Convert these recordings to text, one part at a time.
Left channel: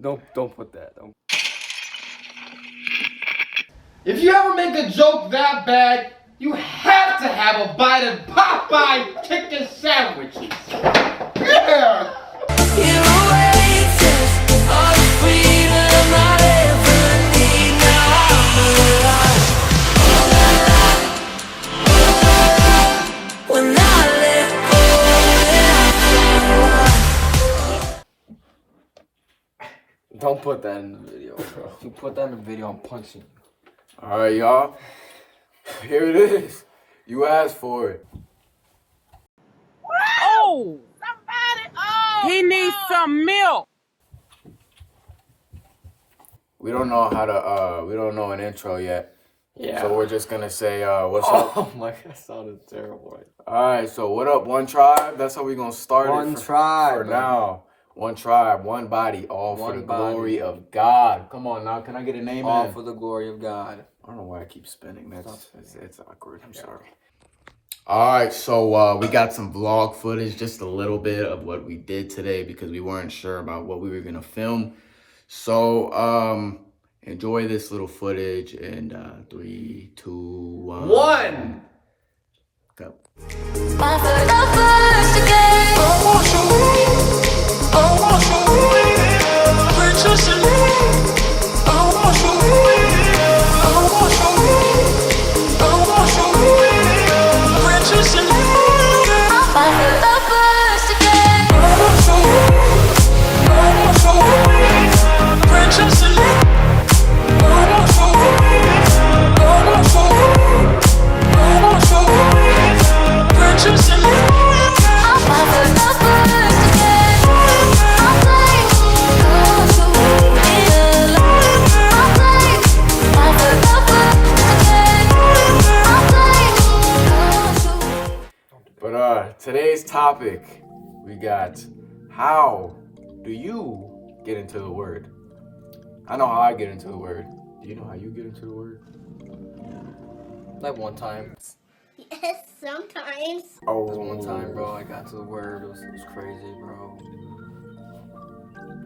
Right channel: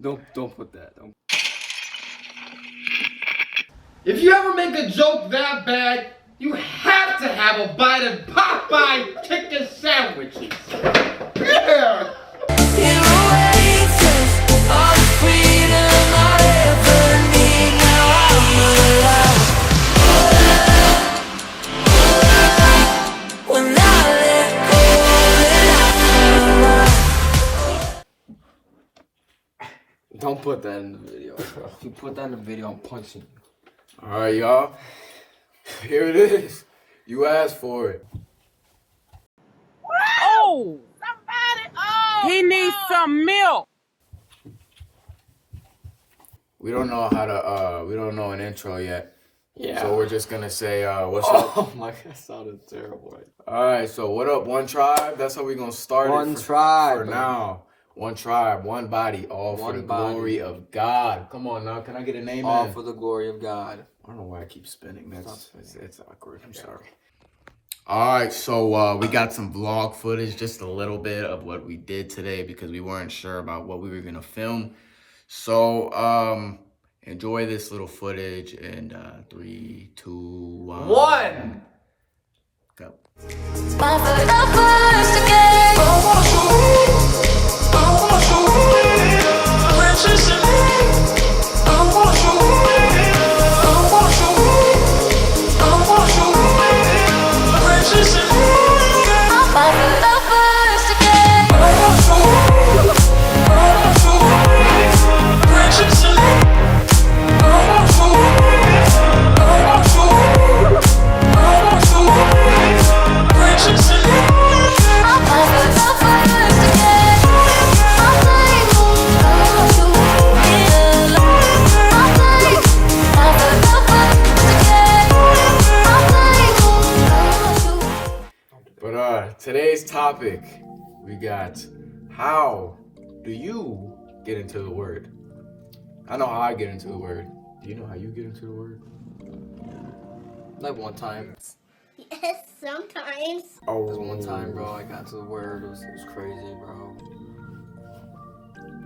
Don't put that. Don't. If you ever make a joke that bad, you have to have a bite of Popeye chicken sandwiches. Yeah! You oasis of freedom I ever need. Now I'm alive. When I let go and I fell out. Don't put that in the video, bro. If you put that in the video, I'm punching you. All right, y'all. Here it is. You asked for it. Oh! He needs some milk. We don't know how to. We don't know an intro yet. Yeah. So we're just gonna say, what's up? Oh my, that sounded terrible. All right. So what up, One Tribe? That's how we gonna start One it. tribe, For man. now. One tribe, one body, all for One the body. glory of God. Come on now. Can I get a name? All in? for the glory of God. I don't know why I keep spinning. That's Stop it's awkward. I'm sorry. All right, so we got some vlog footage, just a little bit of what we did today because we weren't sure about what we were gonna film. So enjoy this little footage in 3, 2, 1. Go. My first again. Princess in me. Princess in me. My first again. Princess in me. Princess in me. I'm my first again. I'll play. Come on, shoot it alone. I'll play. My first again. I'll play. Come on, shoot. But today's topic, we got how do you get into the word? I know how I get into the word. Do you know how you get into the word? Like one time. Yes, sometimes. Oh, There's one time, bro, I got to the word. It was crazy, bro.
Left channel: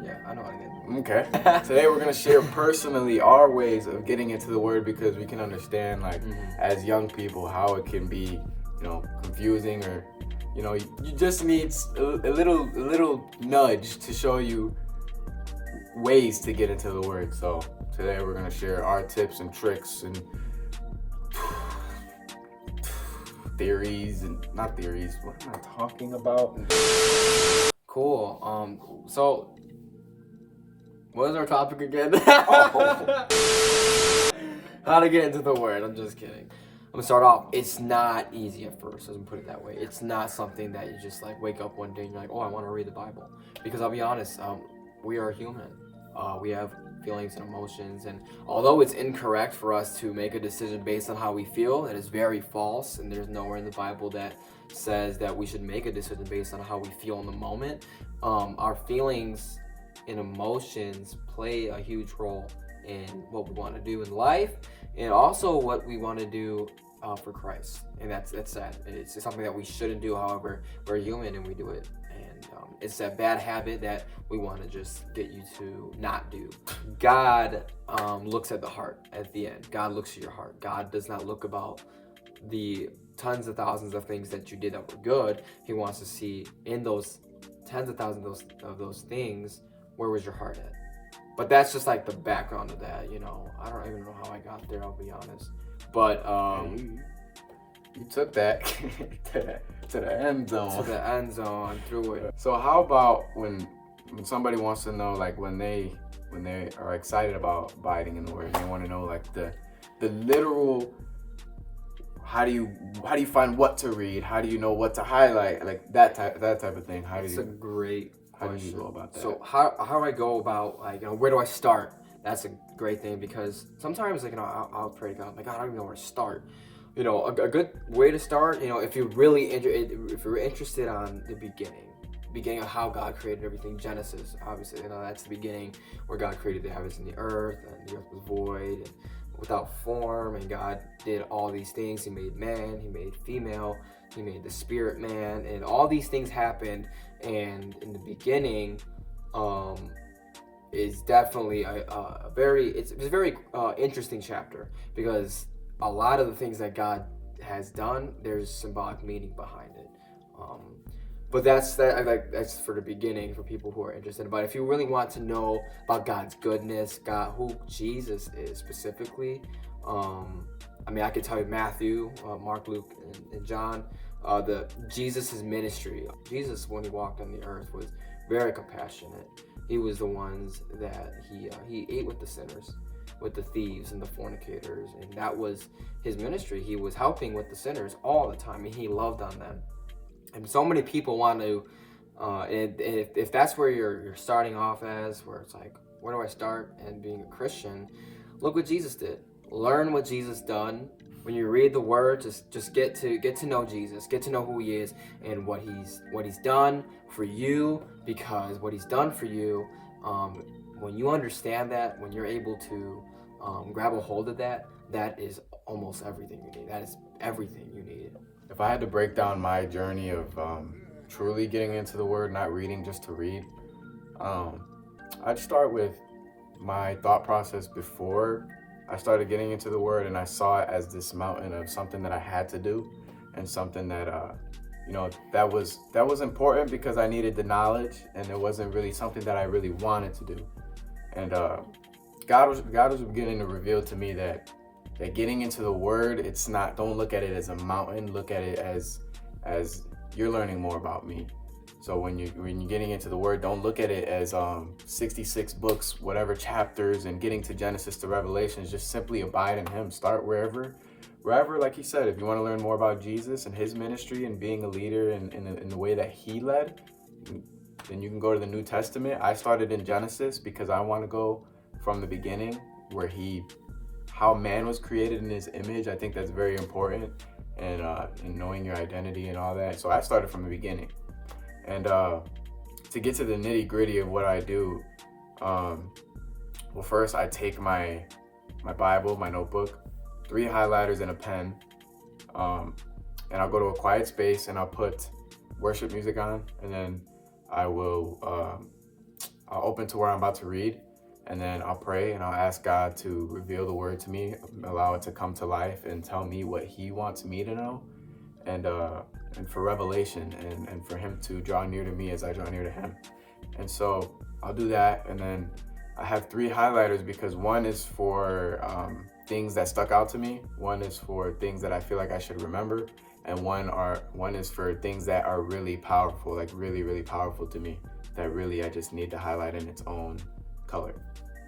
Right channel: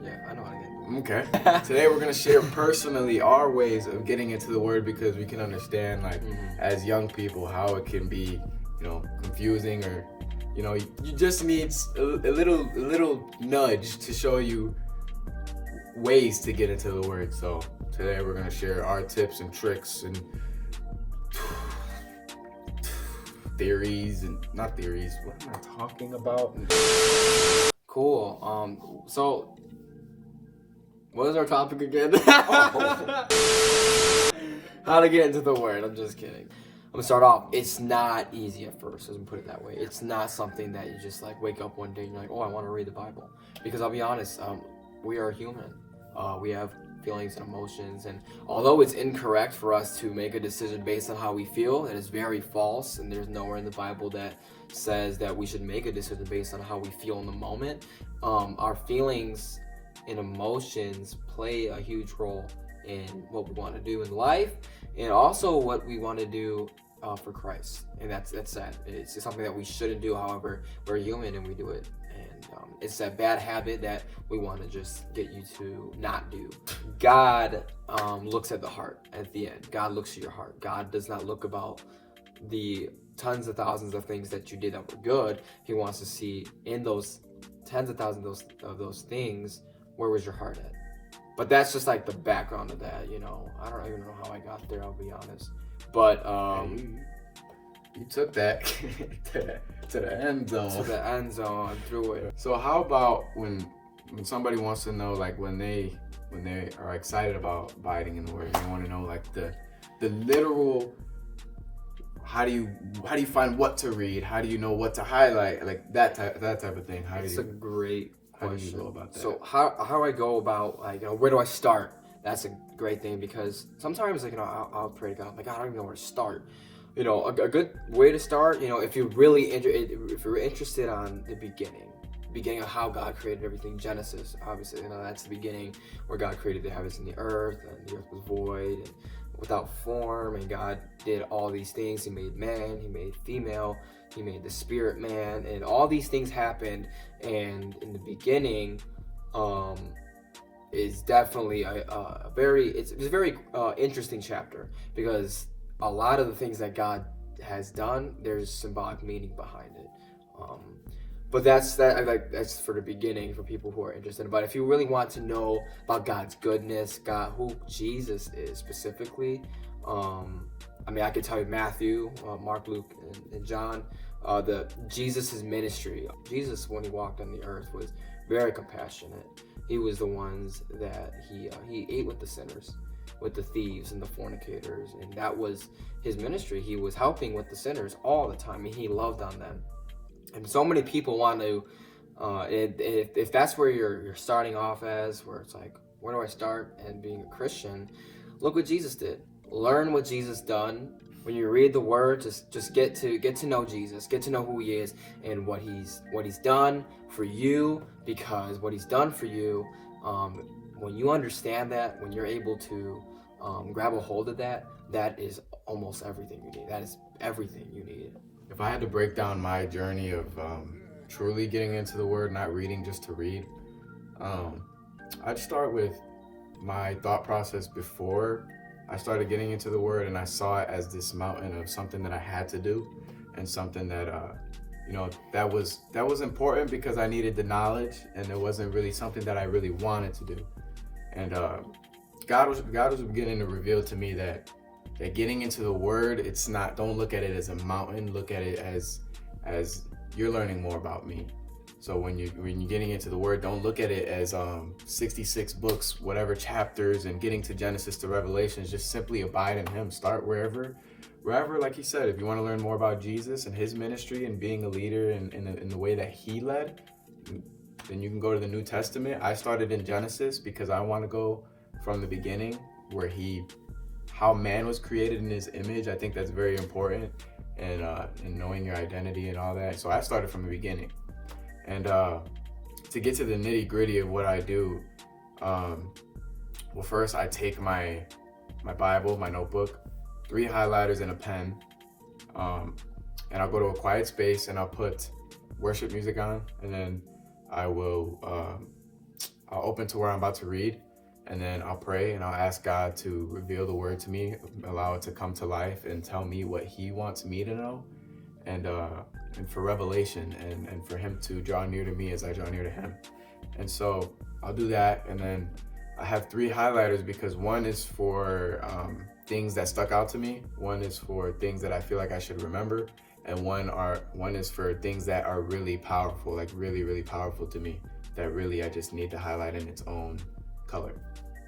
Yeah, I know how to get into it. Okay. Today we're gonna share personally our ways of getting into the word because we can understand, like, as young people, how it can be, confusing, or, you just need a little nudge to show you ways to get into the word. So today we're gonna share our tips and tricks and theories and not theories. What am I talking about? Cool. So, what is our topic again? How to get into the word. I'm just kidding. I'm gonna start off. It's not easy at first. Let's put it that way. It's not something that you just like wake up one day and you're like, oh, I want to read the Bible. Because I'll be honest, we are human. We have feelings and emotions, and although it's incorrect for us to make a decision based on how we feel, that is very false, and there's nowhere in the Bible that says that we should make a decision based on how we feel in the moment. Our feelings and emotions play a huge role in what we want to do in life, and also what we want to do for Christ. And that's sad. It's something that we shouldn't do. However, we're human and we do it. And it's that bad habit that we want to just get you to not do. God looks at the heart at the end. God looks at your heart. God does not look about the tons of thousands of things that you did that were good. He wants to see in those tens of thousands of those things, where was your heart at? But that's just like the background of that, I don't even know how I got there, I'll be honest. But You took that to the end zone. to the end zone, through it. So how about when somebody wants to know, like, when they are excited about abiding in the word, they want to know, like, the literal, how do you find what to read? How do you know what to highlight? Like that type of thing. It's a great how do question. you go about that? So how I go about, like, where do I start? That's a great thing, because sometimes, like, I'll pray to God, like, I don't even know where to start. A good way to start, if you're really if you're interested on the beginning of how God created everything, Genesis, obviously, that's the beginning where God created the heavens and the earth was void and without form, and God did all these things. He made man, he made female, he made the spirit man, and all these things happened. And in the beginning, is definitely a very it's a very interesting chapter, because a lot of the things that God has done, there's symbolic meaning behind it. But that's for the beginning, for people who are interested. But if you really want to know about God's goodness, God, who Jesus is specifically, I mean, I could tell you Matthew, Mark, Luke, and John. Jesus' ministry. Jesus, when he walked on the earth, was very compassionate. He was the ones that he ate with the sinners, with the thieves and the fornicators, and that was his ministry. He was helping with the sinners all the time, and he loved on them. And so many people want to, if that's where you're starting off as, where it's like, where do I start? And being a Christian, look what Jesus did. Learn what Jesus done. When you read the Word, just get to know Jesus, get to know who He is and what He's done for you. Because what He's done for you, when you understand that, when you're able to grab a hold of that, that is almost everything you need. That is everything you need. If I had to break down my journey of truly getting into the Word, not reading just to read, I'd start with my thought process before I started getting into the Word, and I saw it as this mountain of something that I had to do, and something that that was important because I needed the knowledge, and it wasn't really something that I really wanted to do. And God was beginning to reveal to me that getting into the Word, don't look at it as a mountain, look at it as you're learning more about me. So when you're getting into the Word, don't look at it as 66 books, whatever chapters, and getting to Genesis to Revelations. Just simply abide in Him. Start wherever, like He said. If you want to learn more about Jesus and His ministry and being a leader in the way that He led, then you can go to the New Testament. I started in Genesis because I want to go from the beginning, where how man was created in His image. I think that's very important, and in knowing your identity and all that. So I started from the beginning. And to get to the nitty gritty of what I do, well, first I take my Bible, my notebook, 3 highlighters and a pen, and I'll go to a quiet space and I'll put worship music on, and then I'll open to where I'm about to read, and then I'll pray and I'll ask God to reveal the Word to me, allow it to come to life and tell me what He wants me to know. And for revelation, and for Him to draw near to me as I draw near to Him. And so I'll do that, and then I have 3 highlighters because one is for things that stuck out to me, one is for things that I feel like I should remember, and one is for things that are really powerful, like really, really powerful to me, that really I just need to highlight in its own color.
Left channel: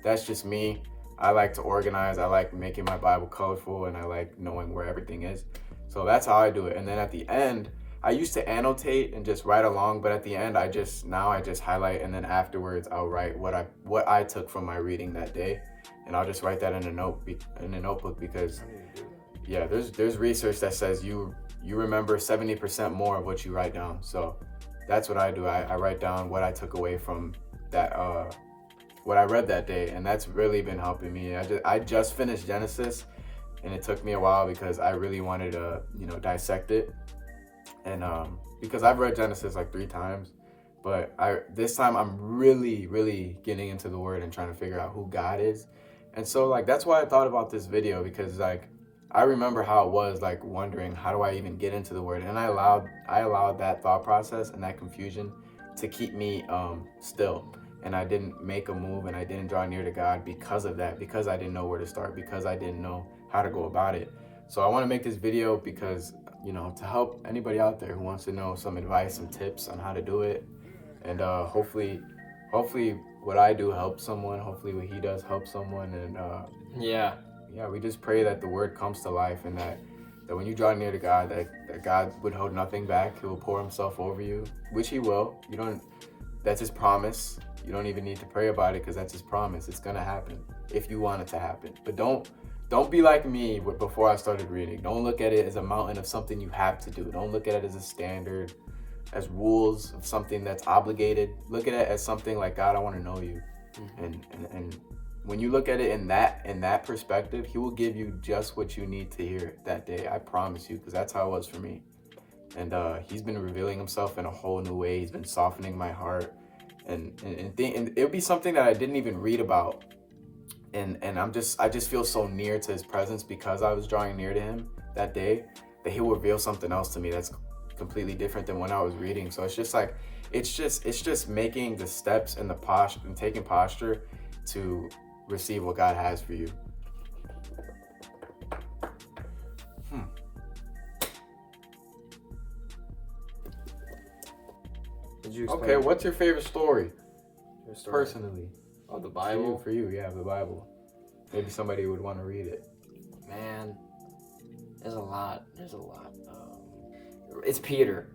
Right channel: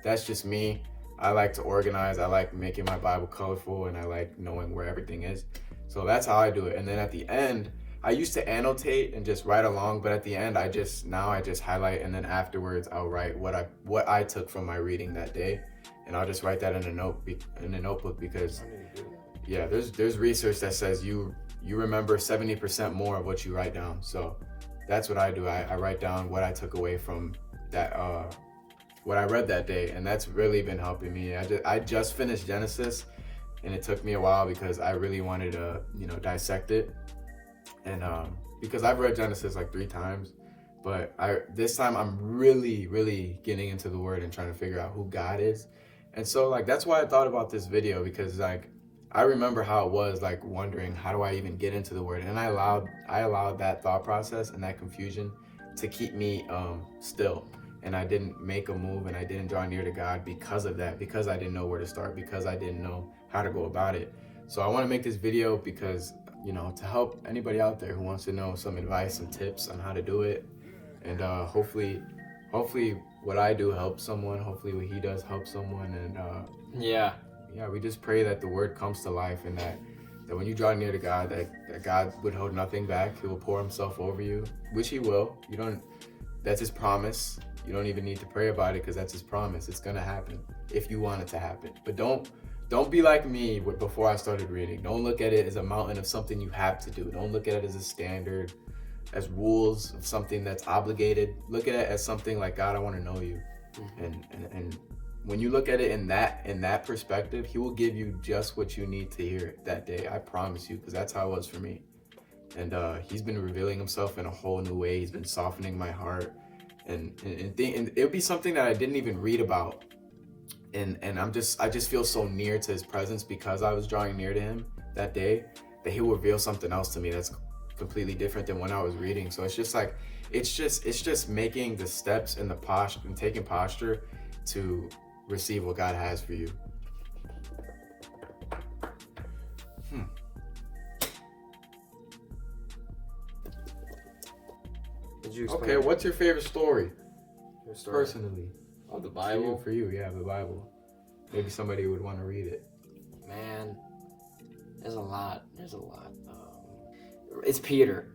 That's just me. I like to organize, I like making my Bible colorful, and I like knowing where everything is. So that's how I do it. And then at the end, I used to annotate and just write along, but at the end, I just highlight, and then afterwards I'll write what I took from my reading that day, and I'll just write that in a notebook, because yeah, there's research that says you remember 70% more of what you write down. So that's what I do. I write down what I took away from that, what I read that day, and that's really been helping me. I just finished Genesis. And it took me a while because I really wanted to, dissect it. And because I've read Genesis like 3 times, but this time I'm really, really getting into the Word and trying to figure out who God is. And so that's why I thought about this video, because I remember how it was, wondering, how do I even get into the Word? And I allowed that thought process and that confusion to keep me still. And I didn't make a move, and I didn't draw near to God because of that, because I didn't know where to start, because I didn't know how to go about it. So I want to make this video because, to help anybody out there who wants to know some advice and tips on how to do it. And hopefully what I do helps someone. Hopefully what he does helps someone. And yeah, we just pray that the Word comes to life, and that when you draw near to God, that God would hold nothing back. He will pour Himself over you, which He will. That's His promise. You don't even need to pray about it, because that's His promise. It's gonna happen if you want it to happen. But don't be like me before I started reading. Don't look at it as a mountain of something you have to do. Don't look at it as a standard, as rules of something that's obligated. Look at it as something like, God, I want to know you. Mm-hmm. And when you look at it in that perspective, He will give you just what you need to hear that day. I promise you, because that's how it was for me. And He's been revealing Himself in a whole new way. He's been softening my heart. and it'll be something that I didn't even read about, and I just feel so near to his presence because I was drawing near to him that day, that he will reveal something else to me that's completely different than when I was reading. So it's just like it's just making the steps and the posture and taking posture to receive what God has for you. Did you Okay, what's your favorite story? your story? Personally, Of the For Bible? you, for you, yeah, the Bible. Maybe somebody would want to read it. Man, there's a lot. It's Peter.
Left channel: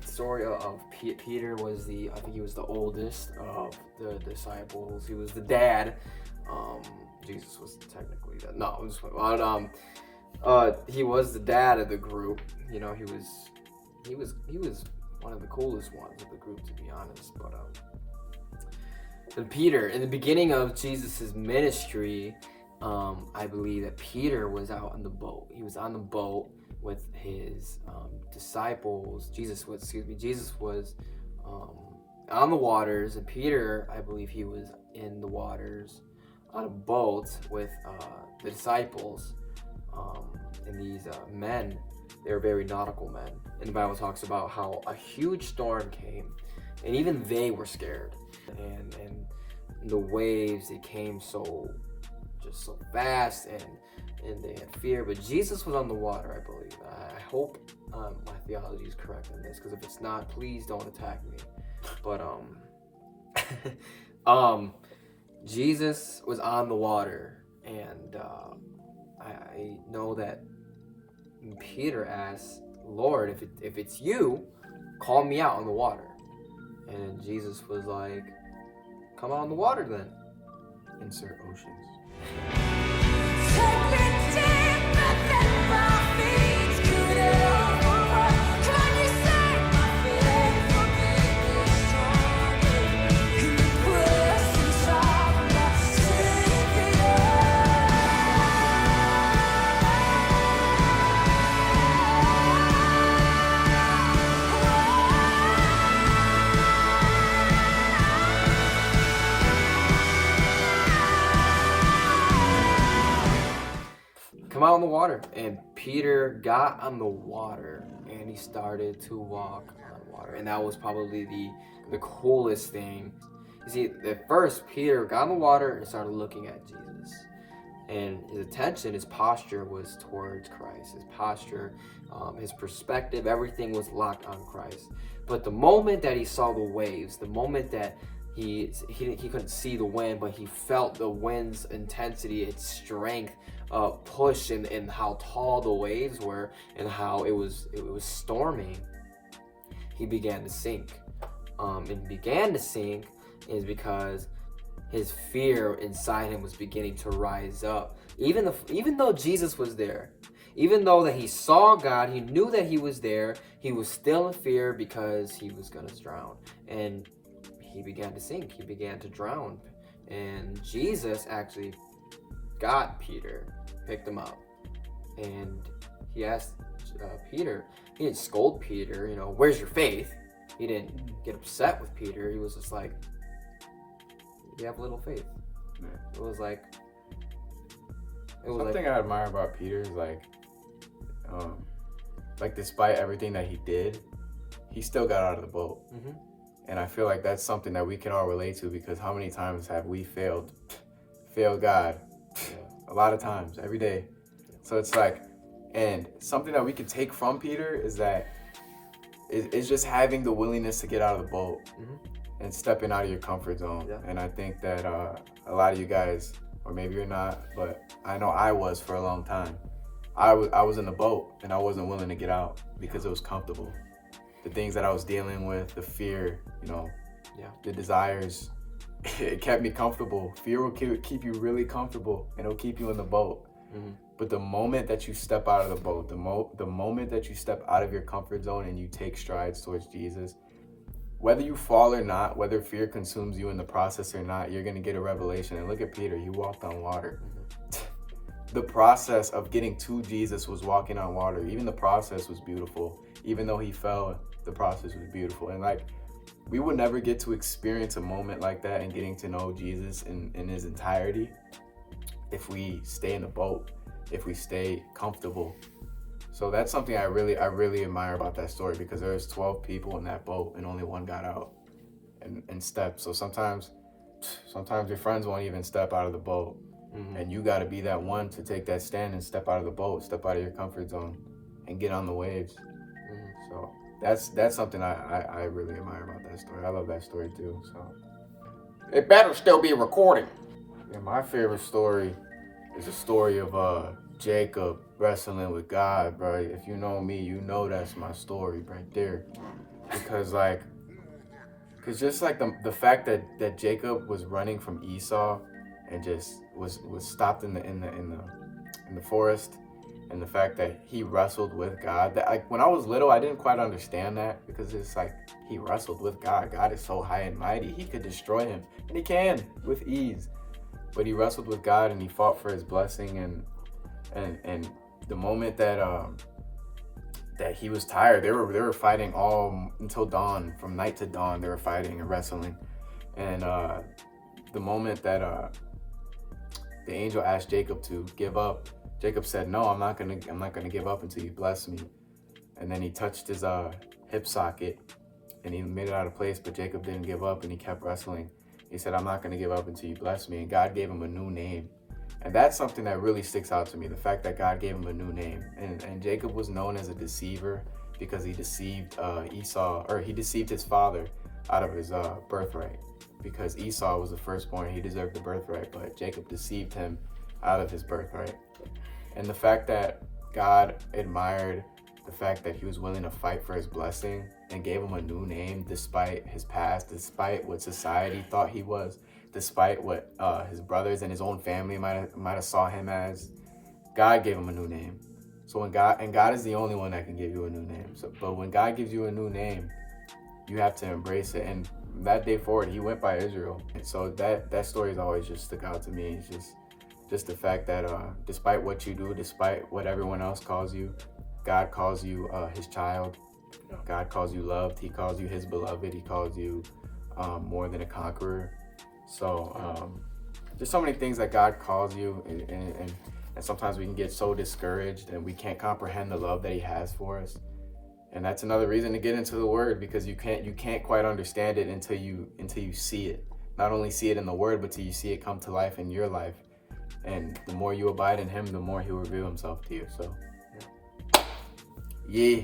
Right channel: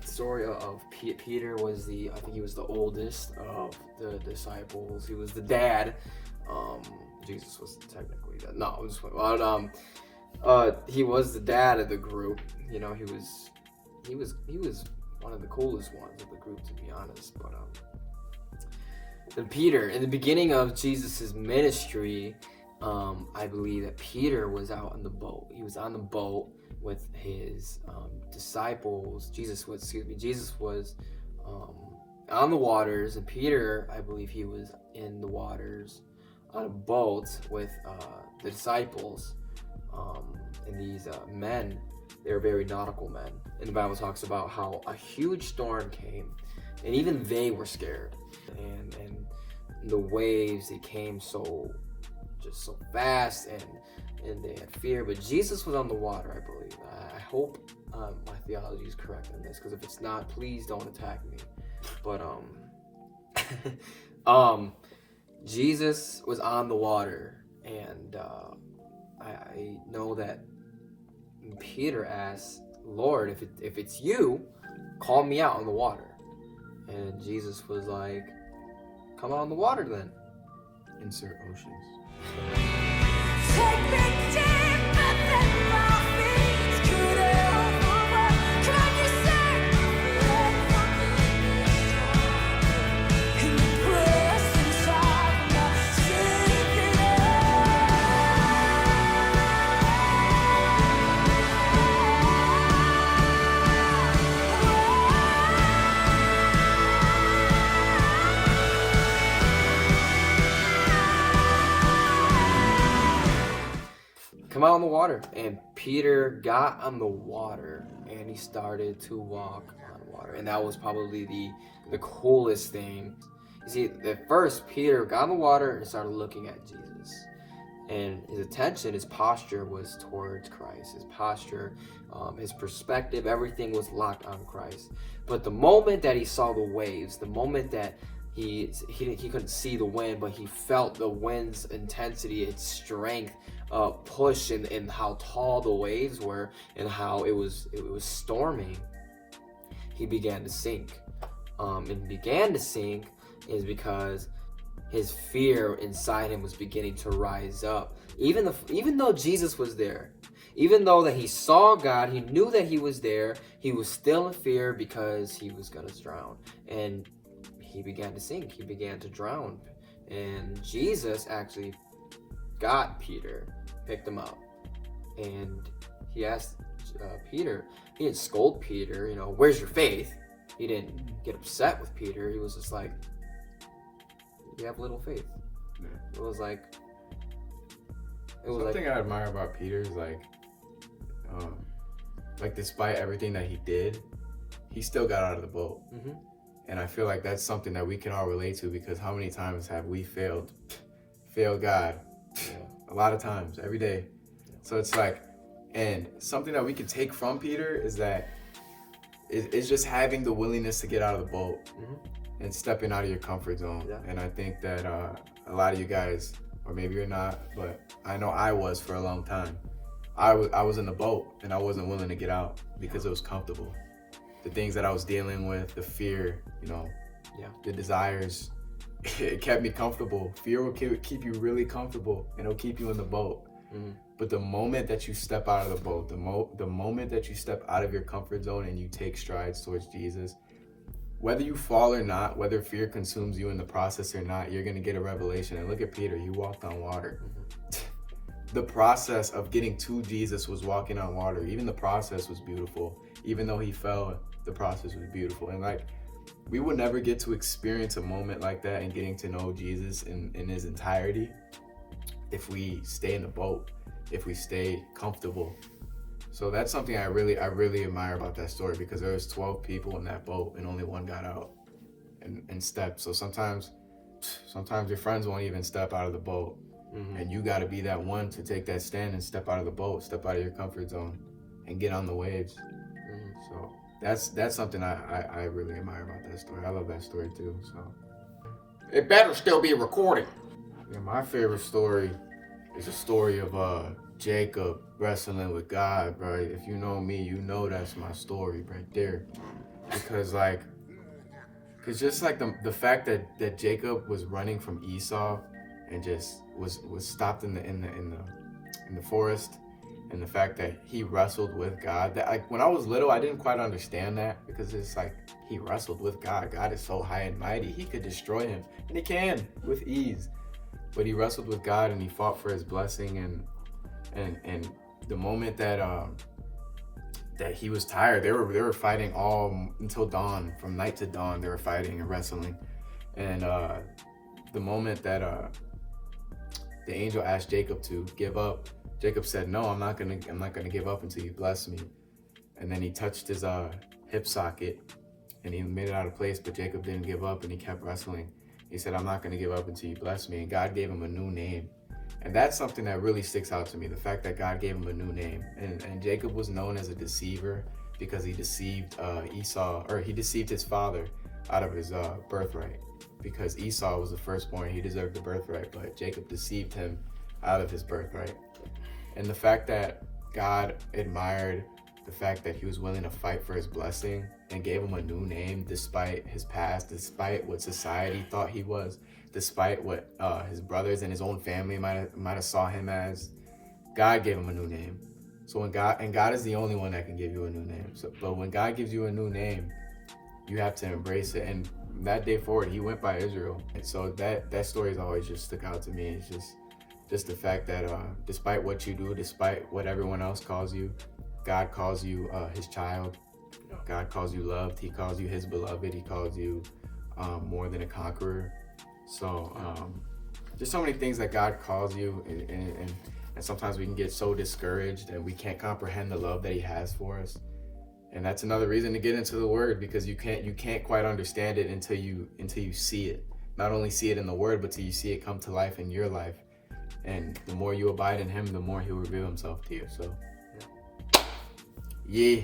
Story of Peter was I think he was the oldest of the disciples. He was the dad. Jesus was technically that. No, I'm just he was the dad of the group. You know, he was one of the coolest ones of the group, to be honest. But Peter, in the beginning of Jesus's ministry, I believe that Peter was out on the boat. He was on the boat with his disciples. Jesus was on the waters, and Peter, I believe he was in the waters on a boat with the disciples. And these men, they were very nautical men. And the Bible talks about how a huge storm came, and even they were scared. And the waves, they came so fast, and they had fear. But Jesus was on the water, I believe. I hope my theology is correct in this, because if it's not, please don't attack me. But Jesus was on the water, and I know that Peter asked, Lord, if it's you, call me out on the water. And Jesus was like, come out on the water then. Insert oceans. Take me deeper than my feet could ever run. Come on, you say my faith will make me stronger in the presence of my Savior. Come out on the water. And Peter got on the water, and he started to walk on water. And that was probably the coolest thing. You see, at first, Peter got on the water and started looking at Jesus. And his attention, his posture was towards Christ. His posture, his perspective, everything was locked on Christ. But the moment that he saw the waves, the moment that he couldn't see the wind, but he felt the wind's intensity, its strength, push, and how tall the waves were, and how it was storming, he began to sink. And began to sink is because his fear inside him was beginning to rise up. Even though Jesus was there, even though that he saw God, he knew that he was there, he was still in fear because he was gonna drown. And he began to sink, he began to drown. And Jesus actually got Peter, picked him up, and he asked Peter, he didn't scold Peter, where's your faith? He didn't get upset with Peter. He was just like, you have little faith. Yeah. It was like Something I admire about Peter is like despite everything that he did, he still got out of the boat. Mm-hmm. And I feel like that's something that we can all relate to, because how many times have we failed God? A lot of times, every day. So it's like, and something that we could take from Peter is that it's just having the willingness to get out of the boat. Mm-hmm. And stepping out of your comfort zone. Yeah. And I think that a lot of you guys, or maybe you're not, but I know I was for a long time. I was in the boat and I wasn't willing to get out because it was comfortable. The things that I was dealing with, the fear, the desires, it kept me comfortable. Fear will keep you really comfortable, and it'll keep you in the boat. Mm-hmm. But the moment that you step out of the boat, the moment that you step out of your comfort zone and you take strides towards Jesus, whether you fall or not, whether fear consumes you in the process or not, you're going to get a revelation. And look at Peter, he walked on water. The process of getting to Jesus was walking on water. Even the process was beautiful. Even though he fell, the process was beautiful. And like, we would never get to experience a moment like that and getting to know Jesus in his entirety if we stay in the boat, if we stay comfortable. So that's something I really admire about that story, because there was 12 people in that boat and only one got out and stepped. So sometimes your friends won't even step out of the boat. And you got to be that one to take that stand and step out of the boat, step out of your comfort zone and get on the waves. So that's something I really admire about that story. I love that story too. So It better still be recording. yeah, my favorite story is a story of Jacob wrestling with God, bro. If you know me, you know that's my story right there. Because just like the fact that Jacob was running from Esau and just was stopped in the forest, and the fact that he wrestled with God. That when I was little, I didn't quite understand that, because it's like he wrestled with God. God is so high and mighty, he could destroy him, and he can with ease. But he wrestled with God and he fought for his blessing, and the moment that he was tired, they were fighting all until dawn, from night to dawn. They were fighting and wrestling, and the moment that the angel asked Jacob to give up, Jacob said, "No, I'm not gonna give up until you bless me." And then he touched his hip socket, and he made it out of place. But Jacob didn't give up, and he kept wrestling. He said, "I'm not gonna give up until you bless me." And God gave him a new name, and that's something that really sticks out to me. The fact that God gave him a new name, and Jacob was known as a deceiver because he deceived Esau, or he deceived his father out of his birthright. Because Esau was the firstborn, he deserved the birthright, but Jacob deceived him out of his birthright. And the fact that God admired the fact that he was willing to fight for his blessing and gave him a new name despite his past, despite what society thought he was, despite what his brothers and his own family might have saw him as, God gave him a new name. So when God is the only one that can give you a new name. But when God gives you a new name, you have to embrace it. And that day forward, he went by Israel. And so that story has always just stuck out to me. It's just the fact that despite what you do, despite what everyone else calls you, God calls you his child. God calls you loved. He calls you his beloved. He calls you more than a conqueror. So there's so many things that God calls you, and sometimes we can get so discouraged and we can't comprehend the love that he has for us. And that's another reason to get into the word, because you can't quite understand it until you see it. Not only see it in the word, but till you see it come to life in your life. And the more you abide in him, the more he'll reveal himself to you. So yeah.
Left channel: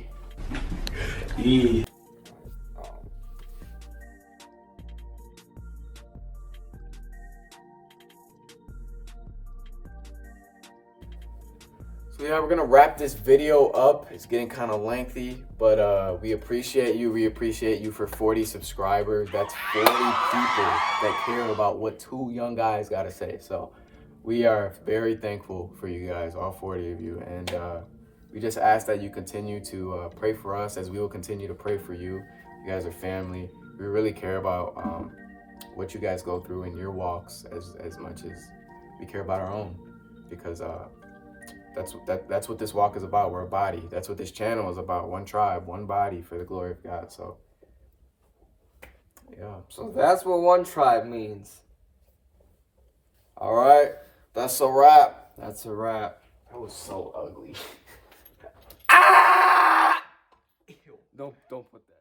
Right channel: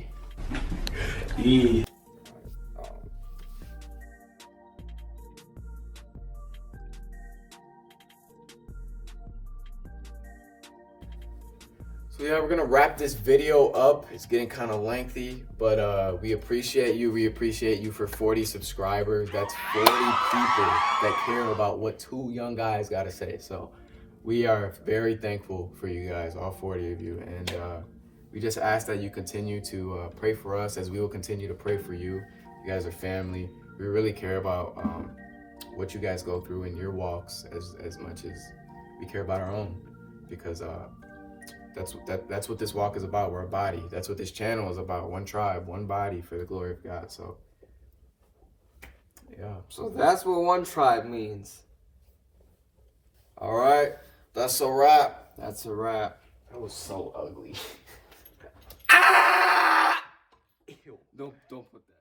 So yeah, we're gonna wrap this video up. It's getting kind of lengthy, but we appreciate you. We appreciate you for 40 subscribers. That's 40 people that care about what two young guys gotta say. So we are very thankful for you guys, all 40 of you. And we just ask that you continue to pray for us as we will continue to pray for you. You guys are family. We really care about what you guys go through in your walks as much as we care about our own, because that's what this walk is about. We're a body. That's what this channel is about. One tribe, one body for the glory of God. So yeah. So that's what one tribe means. All right, that's a wrap. That's a wrap. That was so ugly. Don't put that.